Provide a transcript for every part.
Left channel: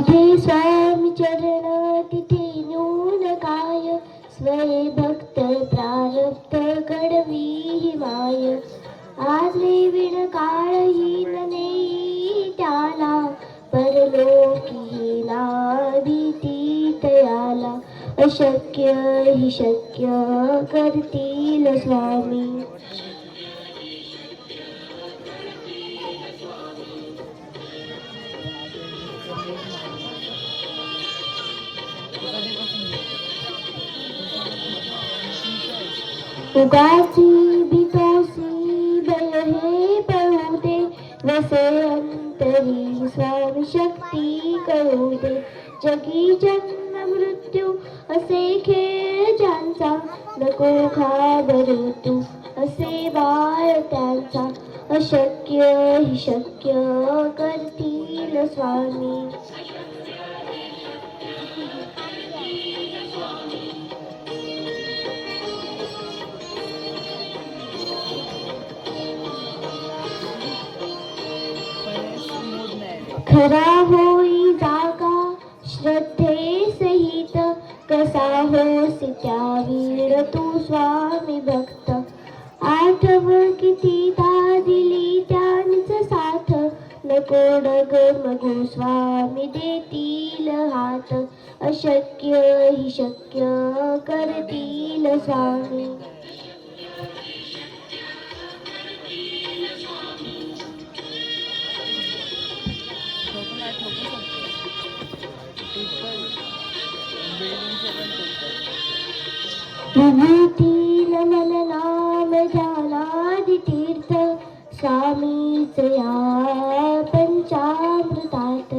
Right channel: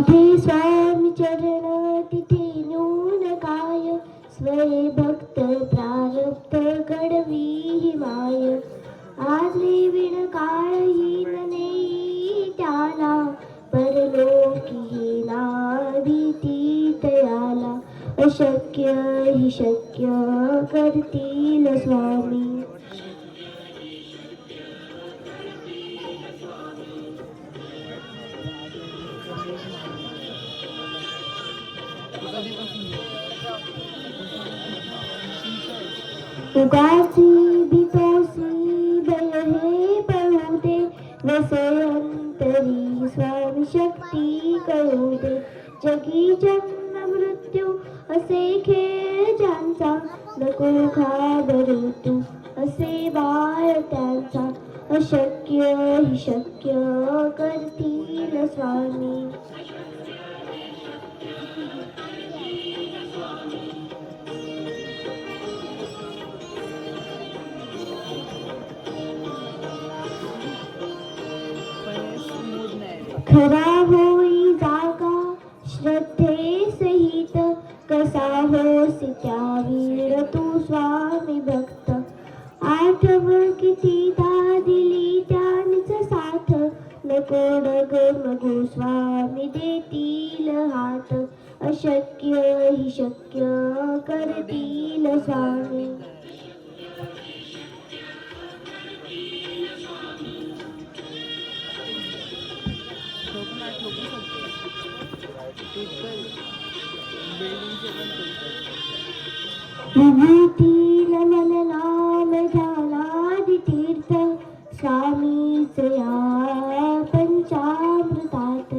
जिथे स्वामी चरण तिथे न्यून काय, स्वये भक्त प्रारब्ध घडवी ही माय. आज विण काळहीन नेई त्याला, परलोकी ना भीती तयाला. अशक्य ही शक्य करतील स्वामी. उदासी भीतोसी भय हे पळू दे, वसे अंतरी स्वामी शक्ती कळू दे. जगी जन्म मृत्यू असे खेळ ज्यांचा, नको घाबरू तू असे बाळ त्यांचा. अशक्य ही शक्य करतील स्वामी. खरा होई जागा श्रद्धे सहित, कसा होसी त्या वीर तू स्वामी भक्त. आठव कितीदा दिली त्यांच साथ, नको डगमगू स्वामी देतील हात. अशक्य ही शक्य करतील स्वामी. विभूतील मननाम ध्यानादि तीर्थ, स्वामीच या पंचामृतात.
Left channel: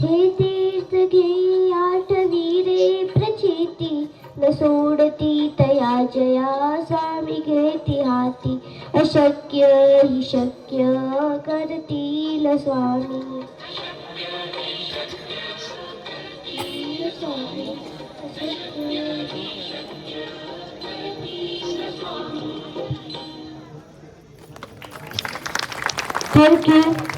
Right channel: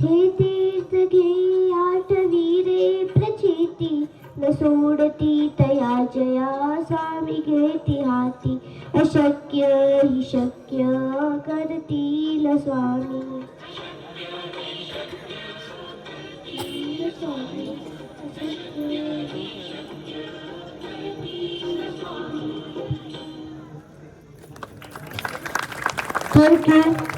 हे तीर्थ घे आठवी रे प्रचिती, न सोडती तया जया स्वामी घेती हाती. अशक्य ही शक्य करतील स्वामी. Thank you.